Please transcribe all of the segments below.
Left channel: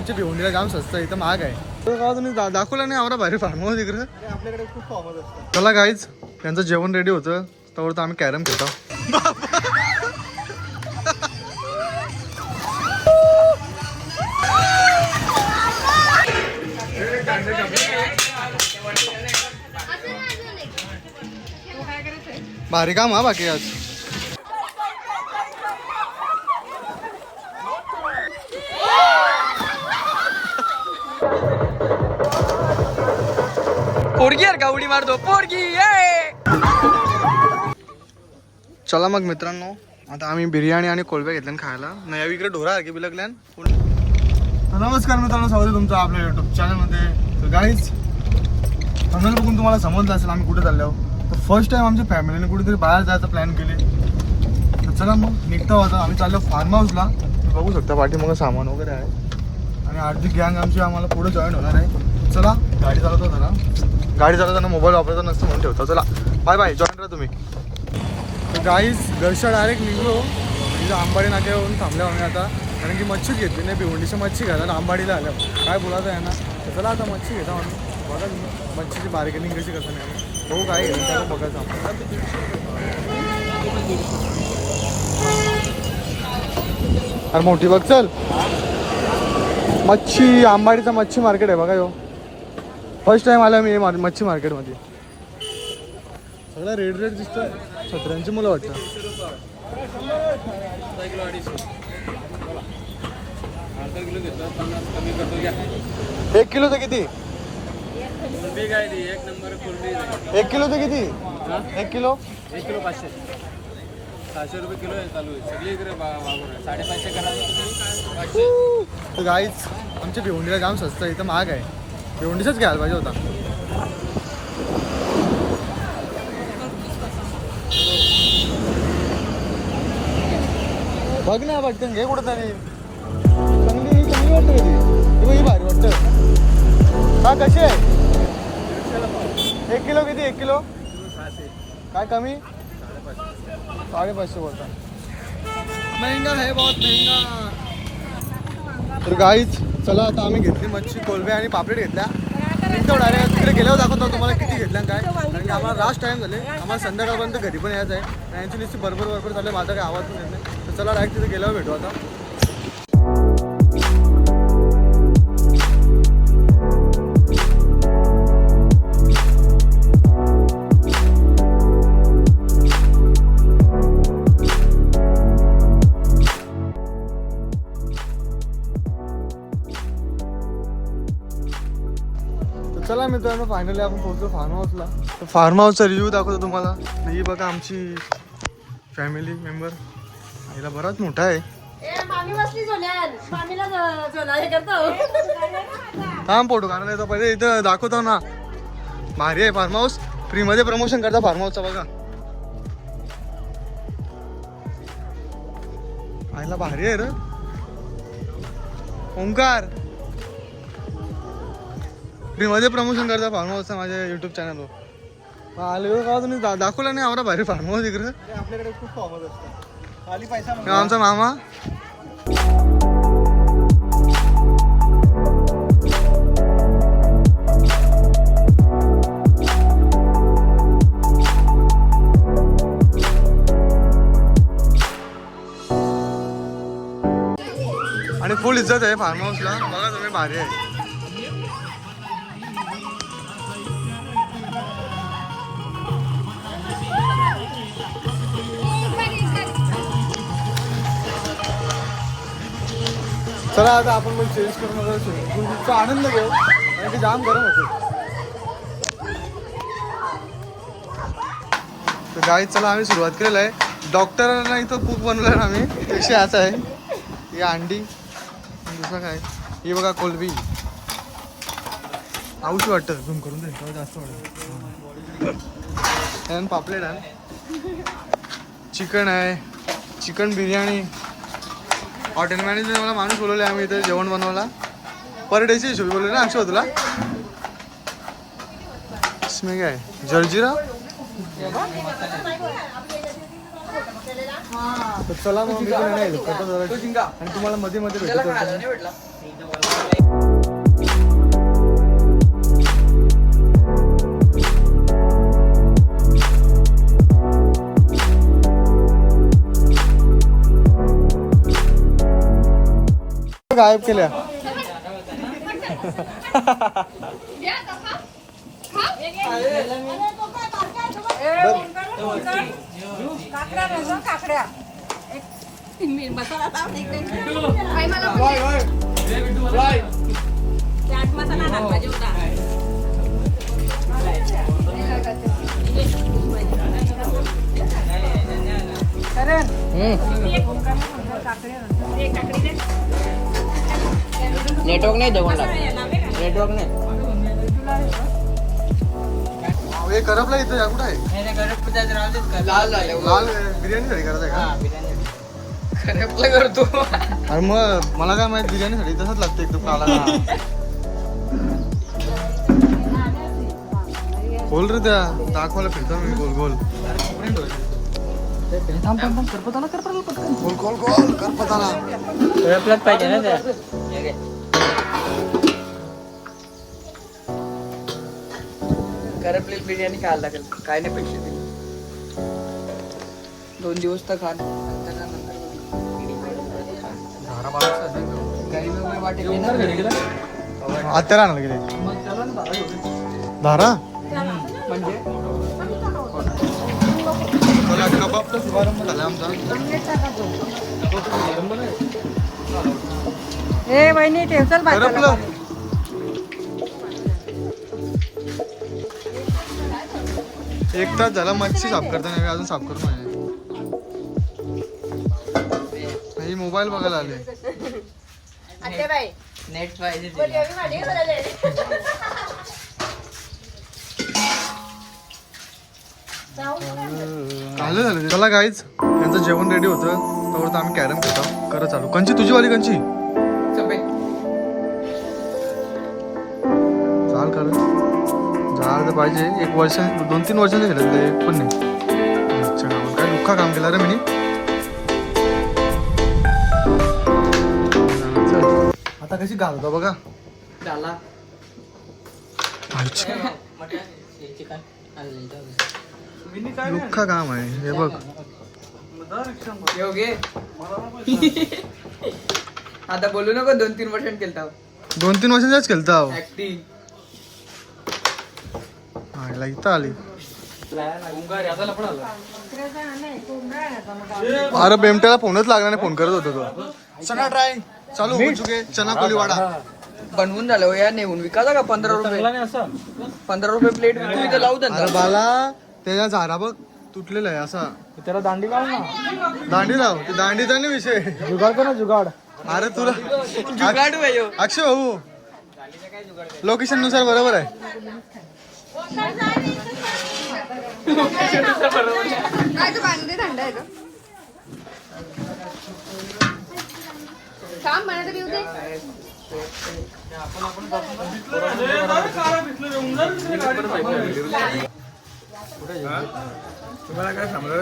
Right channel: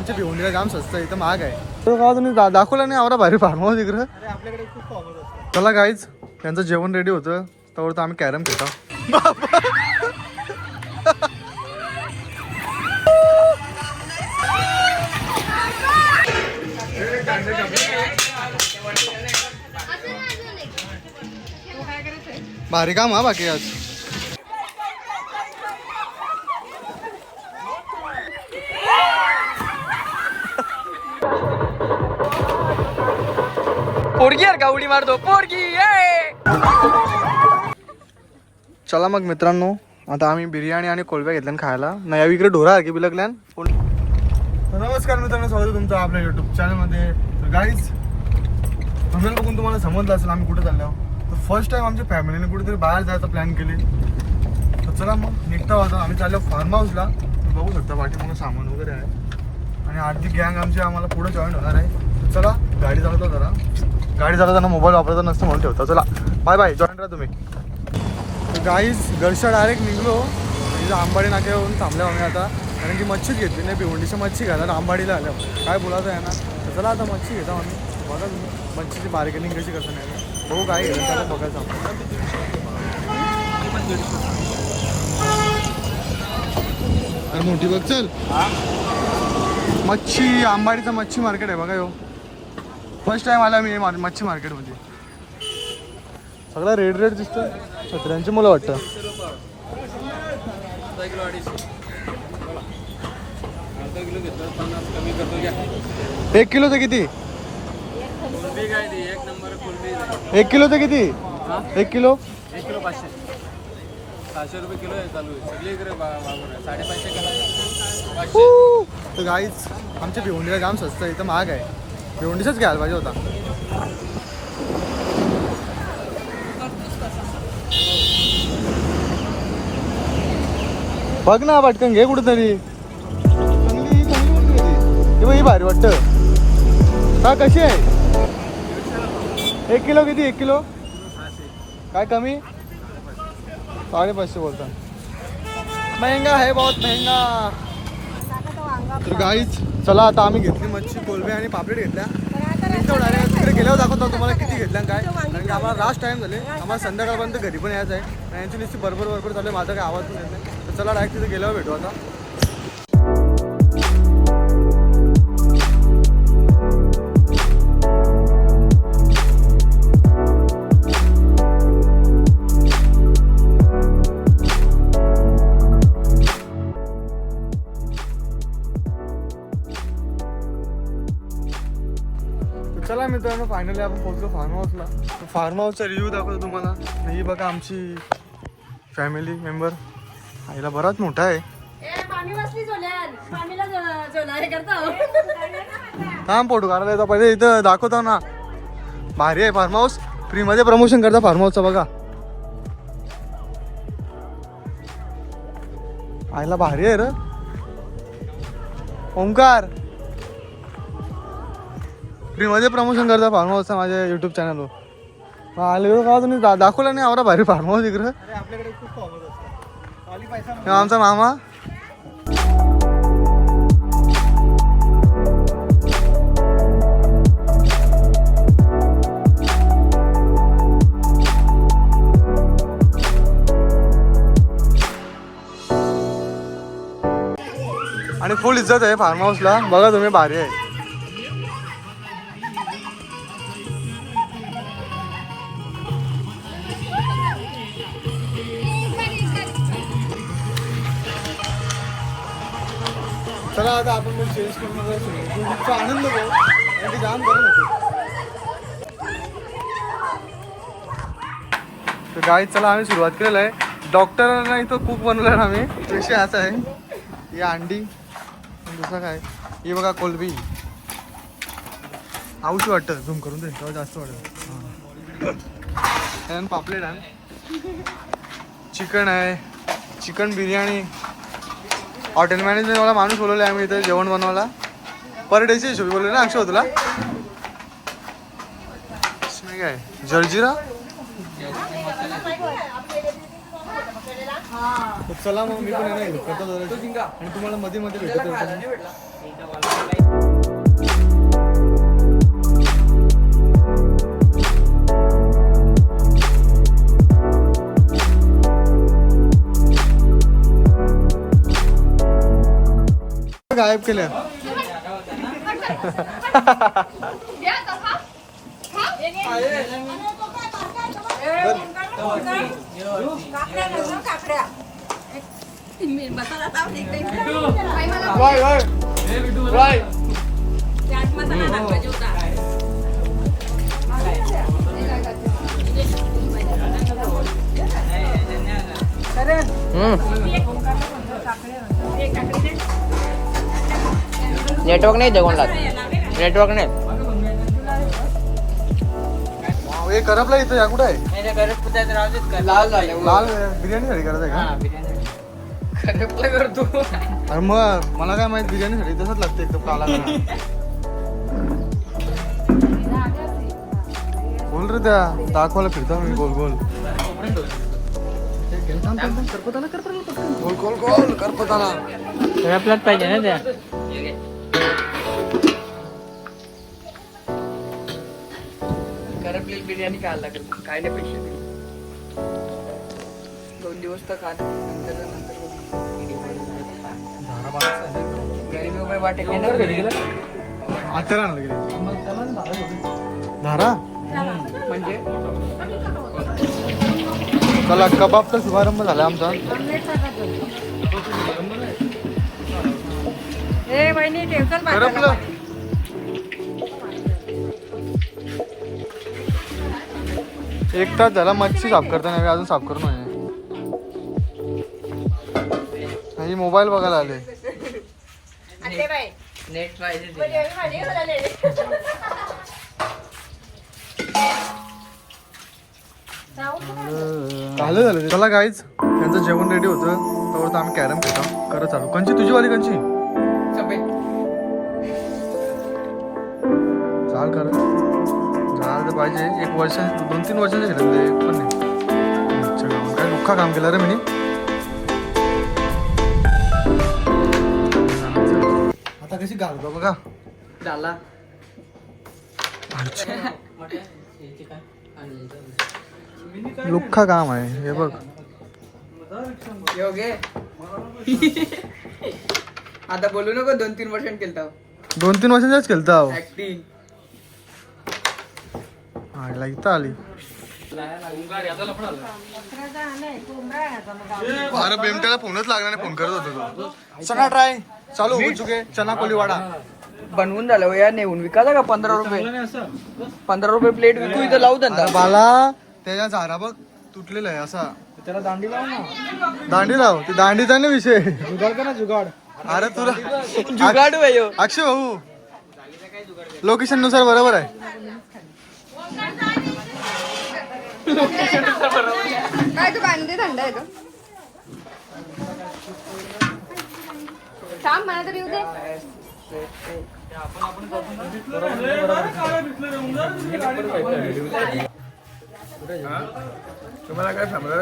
आमच्या भिवंडीला जाम स्वस्त आहे, इथं महाग आहे. तुम्ही दाखवला नाही आवरा भारी फार्म हाऊस इकडे. आपल्याकडे खूप फॉर्मच असतात. चला गाईज, त्यांचं जेवण रेडी होतं त्यावर तर आम्ही कॅरम खेळतो. भारी काम हा बाकी आज. पोरगी यार का उडी मारतो पोरगी. चला मग मित्रांनो, आता आम्ही बिर्याणी आणि कोळब्या घेतल्यान खायला. नाही इकडे ढोरा की बिलकल्यान. नमस्कार मित्रांनो, स्वागत आहे तुमचं आपल्या युट्यूब चॅनलमध्ये. तर गाईज, थंबनेल बघून तुम्हाला समजलं असेल आम्ही कुठे चाललो. तर फर्स्ट टाइम आमच्या फॅमिलीने कुठेतरी बाहेर जायचा प्लॅन केले. तर चला मग निघतो. आता आम्ही चाललो फार्म हाऊसला. तुम्ही बघू शकता पाठीमागं सामान वगैरे आहे आणि अर्धी गँग आमची आम्हाला पुढे जॉईन होणार आहे. चला, गाडी चालवतो जरा. गाडी चालवताना मोबाईल वापरायचा नसतं म्हणून ठेवतो. चला बाय बाय, जॉईन राहा तुम्ही. तर गाईज, घरच्या डायरेक्ट निघलो. म्हणजे आंबाडी नाक्यावरून थांबल्या आम्ही आता, कारण की मच्छीच घेतली नाही. भिवंडीची मच्छी घ्यायला आंबाडीला आल्या. काय बोलायचं आहे ना. तर चला आता मच्छी घेतो आम्ही. बघा तुम्ही मच्छीची बार्गेनिंग कशी कसं नाही. बघू काय घेतो त्याला बघायचं आपण. अरे मोठी बघ, चल. मच्छी आंबाडीचं मच्छी मार्केट आहे बघा. यो फर्स्ट टाइम आला मी मच्छी मार्केटमध्ये. सगळा रेड रेड दिसतं. छत्र्यांची मुलं वाटतं. 1 किलो तर किती? 1 किलो तर किती? 1 किलो 500 रुपये किलो आहे. चालू आहे सगळीकडे. 550 करा. तर गाईज, आमच्या भिवंडीला जाम स्वस्त आहे, इथं महाग आहे. भिवंडीचाच घ्यायला पाहिजे होता. बघ ना, पटकन घे कुठेतरी. चांगली वाटतं कधी. ही भारी वाटतं. हा कशी आहे? 1 किलो किती? 1 किलो काय कमी? 550 बोलता. महंगा है, बहुत महंगा. तर गाईज, चला आता आम्ही घेतली मच्छी, कोलबे आणि पापलेट घेतल्या. निघतो डायरेक्ट. तिकडे गेल्यावर दाखवतो तुम्हाला किती घेतल्या काय. कारण की आम्हाला लास्ट टाइम झाले. आम्हाला संध्याकाळपर्यंत घरी पण यायचं आहे. आणि यांची नुसती बरोबर चालू आहे. माझा काही आवाज पण येत नाही. तर चला डायरेक्ट तिथे गेल्यावर भेटू आता. चला मित्रांनो, फायनली आपण पोहोचलो फार्म हाऊसला. फार्म हाऊसचा रिव्ह्यू दाखवतो तुम्हाला. ही बघा आमची फॅमिली मेंबर. आईला बराच मोठा आहे. थांब फोटो काढायला येतो पहिले. इथं दाखवतो ना. भारी आहे फार्म हाऊस. फ्रीमध्ये प्रमोशन करता फार्म हाऊसचं बघा. आईला भारी आहे रे. ओमकार फ्रीमध्ये प्रमोशन करता फार्म हाऊसचा माझ्या युट्यूब चॅनलवर. आले का तुम्ही दाखवला नाही आवरा भारी फार्म हाऊस इकडे. आपल्याकडे खूप फॉर्मच असतात. आमचा मामा. आणि फुल इज्जत आहे फार्म हाऊसला. बघा तुम्ही, भारी आहे. चला आता आपण पण चेंज करून आनंद घेऊ, कारण की जाम गरम होतो. तर गाईज, चला आम्ही सुरुवात केलेलं आहे. डॉक्टरांना इथं कुक बनवलं ना आम्ही. विषय असा आहे, ही अंडी, दुसरं काय, ही बघा कोलबी. आवशी वाटतं, झूम करून दे तेव्हा जास्त वाटतं. पापलेट आहे, चिकन आहे, चिकन बिर्याणी. हॉटेल मॅनेजमेंट मला माणूस बोलवले आम्ही इथे जेवण बनवायला. पर डेची हिशोबी बोलले ना अक्षय तुला. इसमें काय जर्जिरा, तर चला मग मी पण आहे ना हेल्प करतो जरा आणि तुम्हाला मध्ये मध्ये भेटतो. गायब केल्या. नेटवर्क नाही जेवणला. नेटवर्क नाही. हे करपला इथं या कुठं आहे? लाल झाले. लाल बिर्याणीसाठी करायचं आहे का? करपला करतो. अरे मग मला काय माहित बिर्याणीसाठी तसंच लागतं एकदम काला काला. बोल रे त्या दाखवायला फिरतो मी गोल गोल गोल गोल गोल करपताला. करपलाच पाहिजे ना ते. करपलेली बिर्याणी खायला लागत काय नाही पैसे दिले. 2 दिवस तर खा नंतर घरी मी वाटेल ना आत्याला आणलं गेले धारा म्हणजे चला कबाबचा शुभारंभ झाला आमचा. करपलं. एक तास झाला मच्छी साफ करताना अजून साफ करून नाही. मोबाईल बघायला आले. नेट पाहिजे. झालं झालं. चला गाईच त्यांचं जेवण रेडी होतं तर आम्ही कॅरम खेळतो. करत चालू. कंची तुझी वाली कंची चाल कर झालं तर पाहिजे. 1 वर्ष 2-3 वर्षांचे खेळले एक पण नाही. अच्छा गावात काय लुख्खा काम केलं रे मी. आता कशी घालतो बघा. झाला. लुख्खा काम आहे हे बघ. योगे आता बोलू नको. 2-3 वर्षांनी केलता. 2-3 वर्षांच्याच खेळता ऍक्टिंग. हा इथं आली. अरे बेमट्याला फोनच लागला नाही. फोन करत होतो तो. चना ट्राय चालू होऊन चुके. चना कोलीवाडा बनवून झालं हो यार. नेऊन विकायला का 15 रुपये. 15 रुपये प्लेट विकू इथं लावू. अरे बाला त्याच्या झारा बघ तुटलेला आहे असा. त्याला दांडी लाव ना. दांडी लाव. ते दांडीचा नाही विषय. जुगाड कर ना जुगाड. अरे तुला अक्षय भाऊ लोकेशन नुसार बरोबर आहे. तुम्हाला काय समजा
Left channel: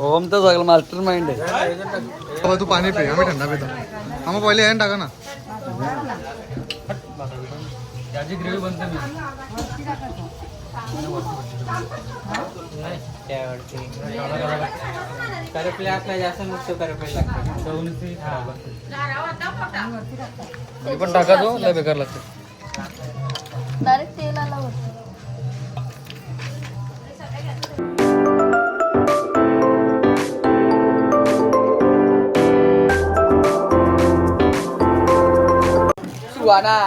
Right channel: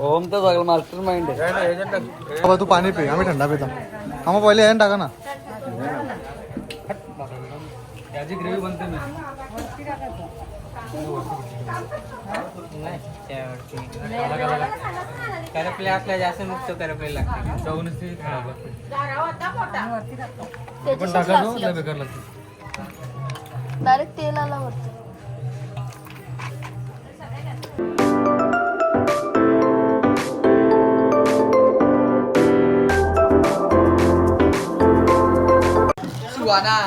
ओम तर सगळं मास्टर माइंड आहे. बाबा तू पाणी पे. आम्ही थंडा पितो. आम्हाला पहिले यायला टाका ना. त्याची ग्रेव्ही बनते ना. करपले असल्या जास्त नुकतं करपले लागते. पण टाका तो लय बेकार लागतो. सुहाना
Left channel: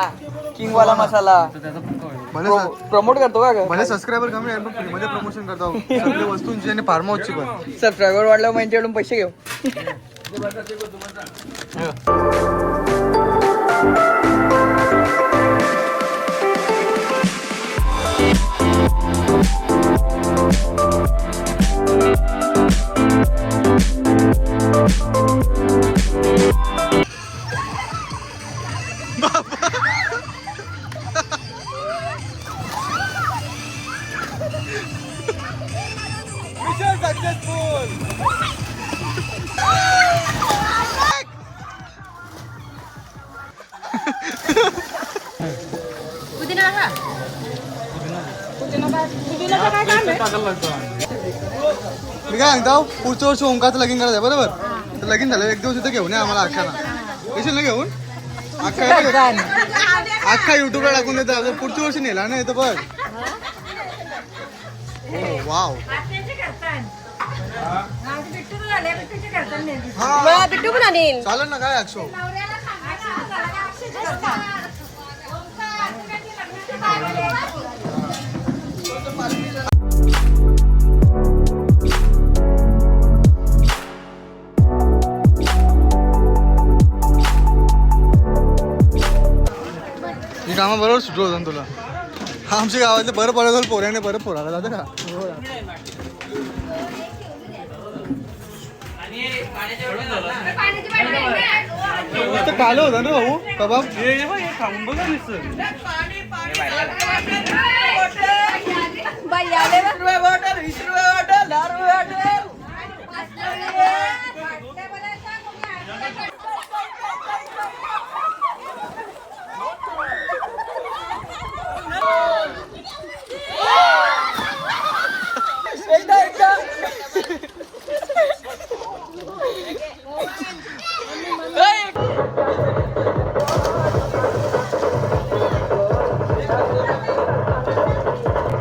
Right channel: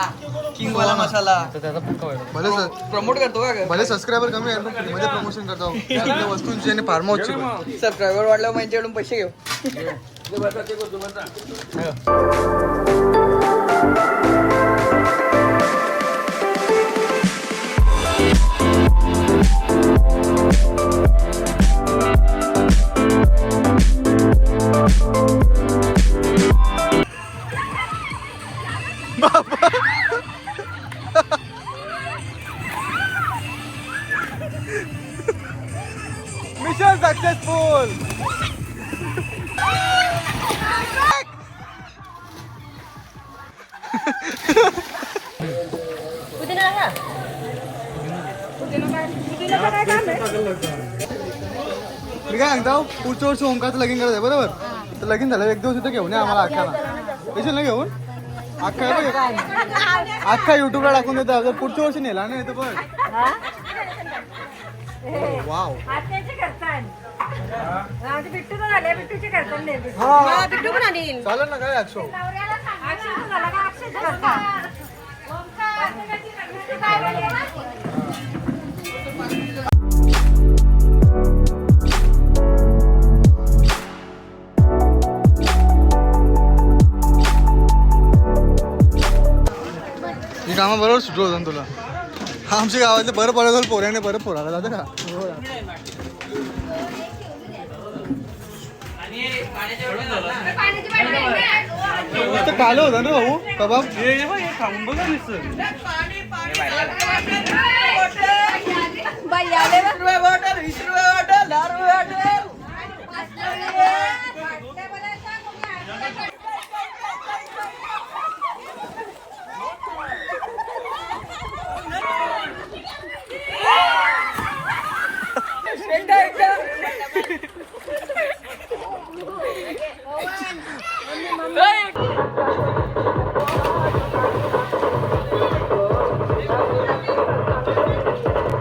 किंग वाला मसाला भले प्रमोट करतो का भले सबस्क्रायबर कमी आहे पण फ्रीमध्ये प्रमोशन करतो सगळ्या वस्तूंची आणि फार्म हाऊसची पण. सबस्क्रायबर वाढल्यावर माझ्याकडून पैसे घेऊ. मी काय सांगतो पुढच्या वर्षी ओंकारचं लगीन करायचं आहे बरोबर. तर लगीन झालं एक दिवस इथं घेऊन या आम्हाला अख्खाना येशील ना घेऊन अख्खा युट्यूबला टाकून देतात पुढच्या वर्षी नेला ना येतं बघ. हो वाव हा चालेल ना काय 100. ही कामं बरोबर सुटलं होतं तुला. आमच्या गावातले बरं पडत पोऱ्याने बरं पोराला जातं का. काल होता ना भाऊ कबाब.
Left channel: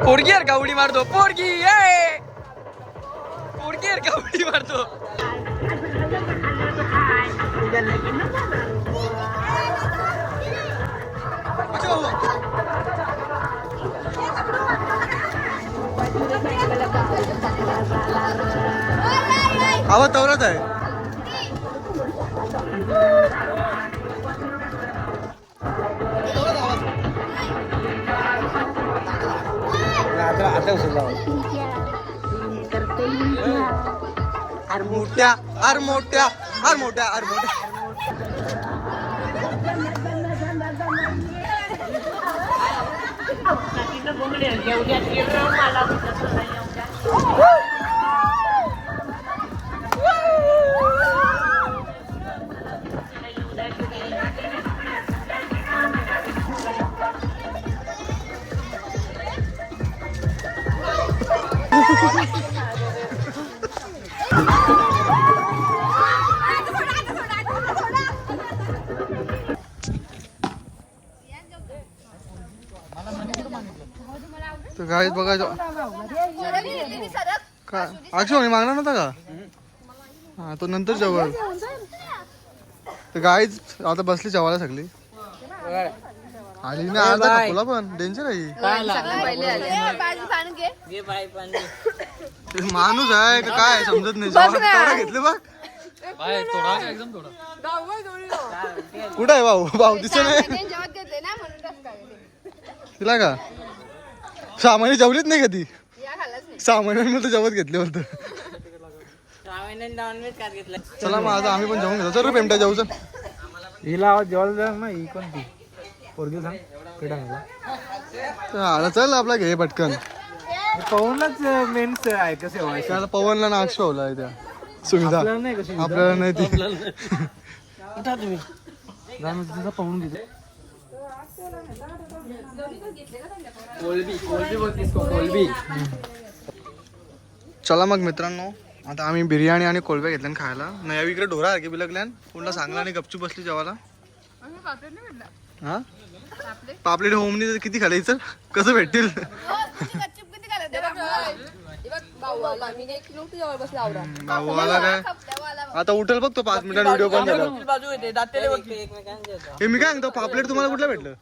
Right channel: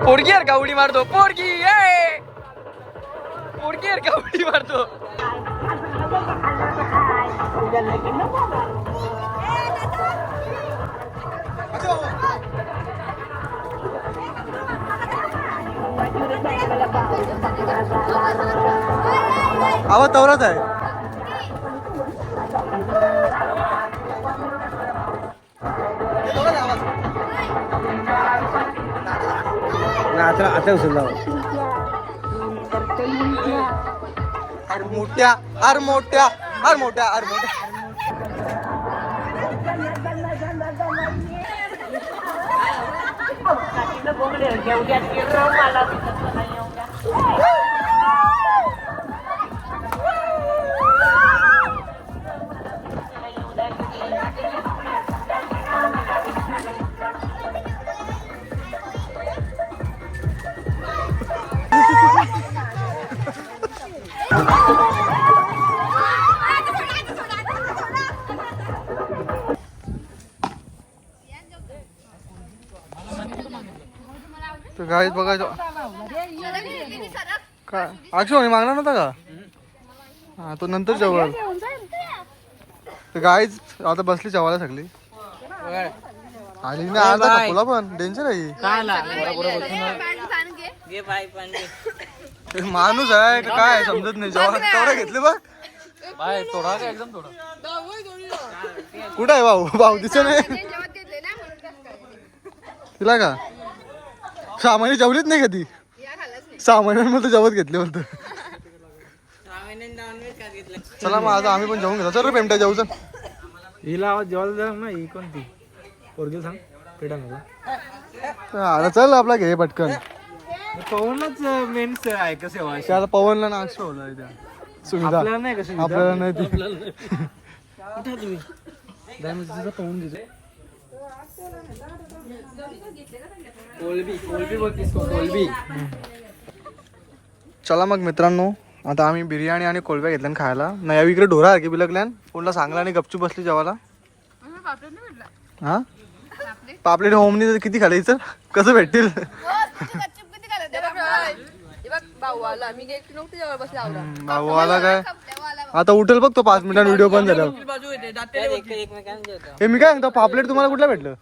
पोरगी यार का उडी मारतो पोरगी पोरगी यार का उडी मारतो. आवाज तवराच आहे. अरे मोठ्या अरे मोठ्या अरे मोठ्या अरे मोठ्या. तर गाईत बघायचं काय अक्षय मागणार नव्हता का. हा तो नंतर जेवळ. तर गाईच आता बसली जेवायला सगळी. आली ना अर्धा कापूला पण डेंजर आहे. माणूस आहे का काय समजत नाही. जेव्हा तेवढा घेतले बघ. कुठं आहे भाऊ भाऊ दिसत नाही तिला का. 6 महिने जेवलीच नाही कधी. 6 महिन्यांमध्ये जेवत घेतले होतं. चला मग आता आम्ही पण जेवून घेतो. चल रे पेमट्या जेवू चल. हिला आवाज जेवायला ना ही कोणती पोरगी सांग पेटा आता चल आपला घे पटकन. पवनलाच मेन आहे कसं व्हायचं. आता पवनला नाक्ष ठेवला आहे त्या सुविधा नाही कसं आपल्याला नाही ती. पवून देतो. चला मग मित्रांनो आता आम्ही बिर्याणी आणि कोळब्या घेतल्यान खायला. नाही इकडे ढोरा की बिलकल्यान कोणला सांगला आणि गपचूप बसली जेवायला. हा पापलेट होमनी किती खायचं कसं भेटतील. भाऊ आला काय आता उठेल बघ तो 5 मिनिटांनी व्हिडिओ पण झाला. हे मी काय सांगतो पापलेट तुम्हाला कुठला भेटलं.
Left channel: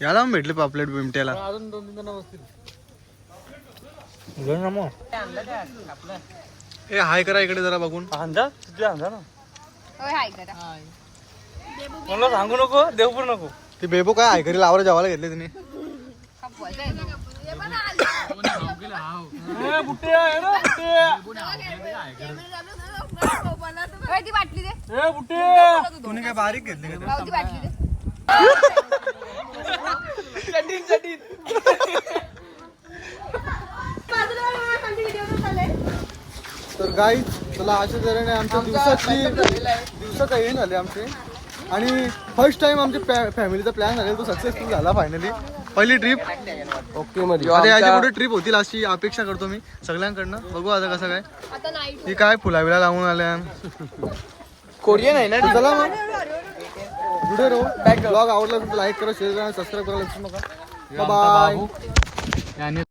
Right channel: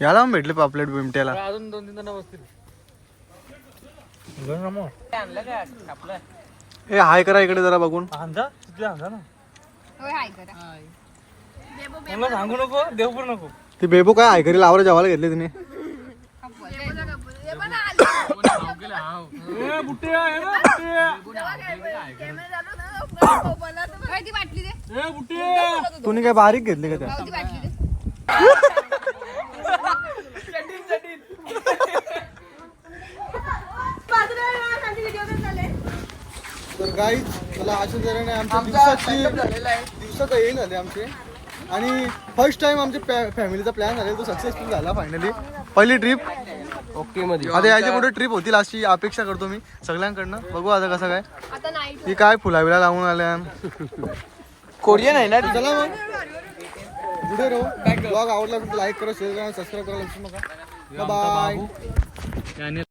याला पण भेटले पापलेट बिमट्याला. हे हाय करा इकडे जरा बघून. सांगू नको देवपूर नको. ते बेबू काय हाय करी लावर जेवायला घेतले तिने. तुम्ही काय बारीक घेतली का. तर गाईच चला अशा तऱ्हेने आमच्या दिवसात येईल झाले आमचे. आणि फर्स्ट टाइम आमच्या फॅमिलीचा प्लॅन झालेला तो सक्सेसफुल झाला फायनली. पहिली ट्रिप ओके मध्ये आता याच्या पुढे ट्रिप होतील अशी अपेक्षा करतो मी सगळ्यांकडनं. बघू आता कसं काय. ही काय फुलाबिला लावून आल्या. कोरियन आहे ना चला मग व्हिडिओ ब्लॉग आवडला तर लाईक करा, शेअर करा, सबस्क्राईब करायला विसरू नका. बाय.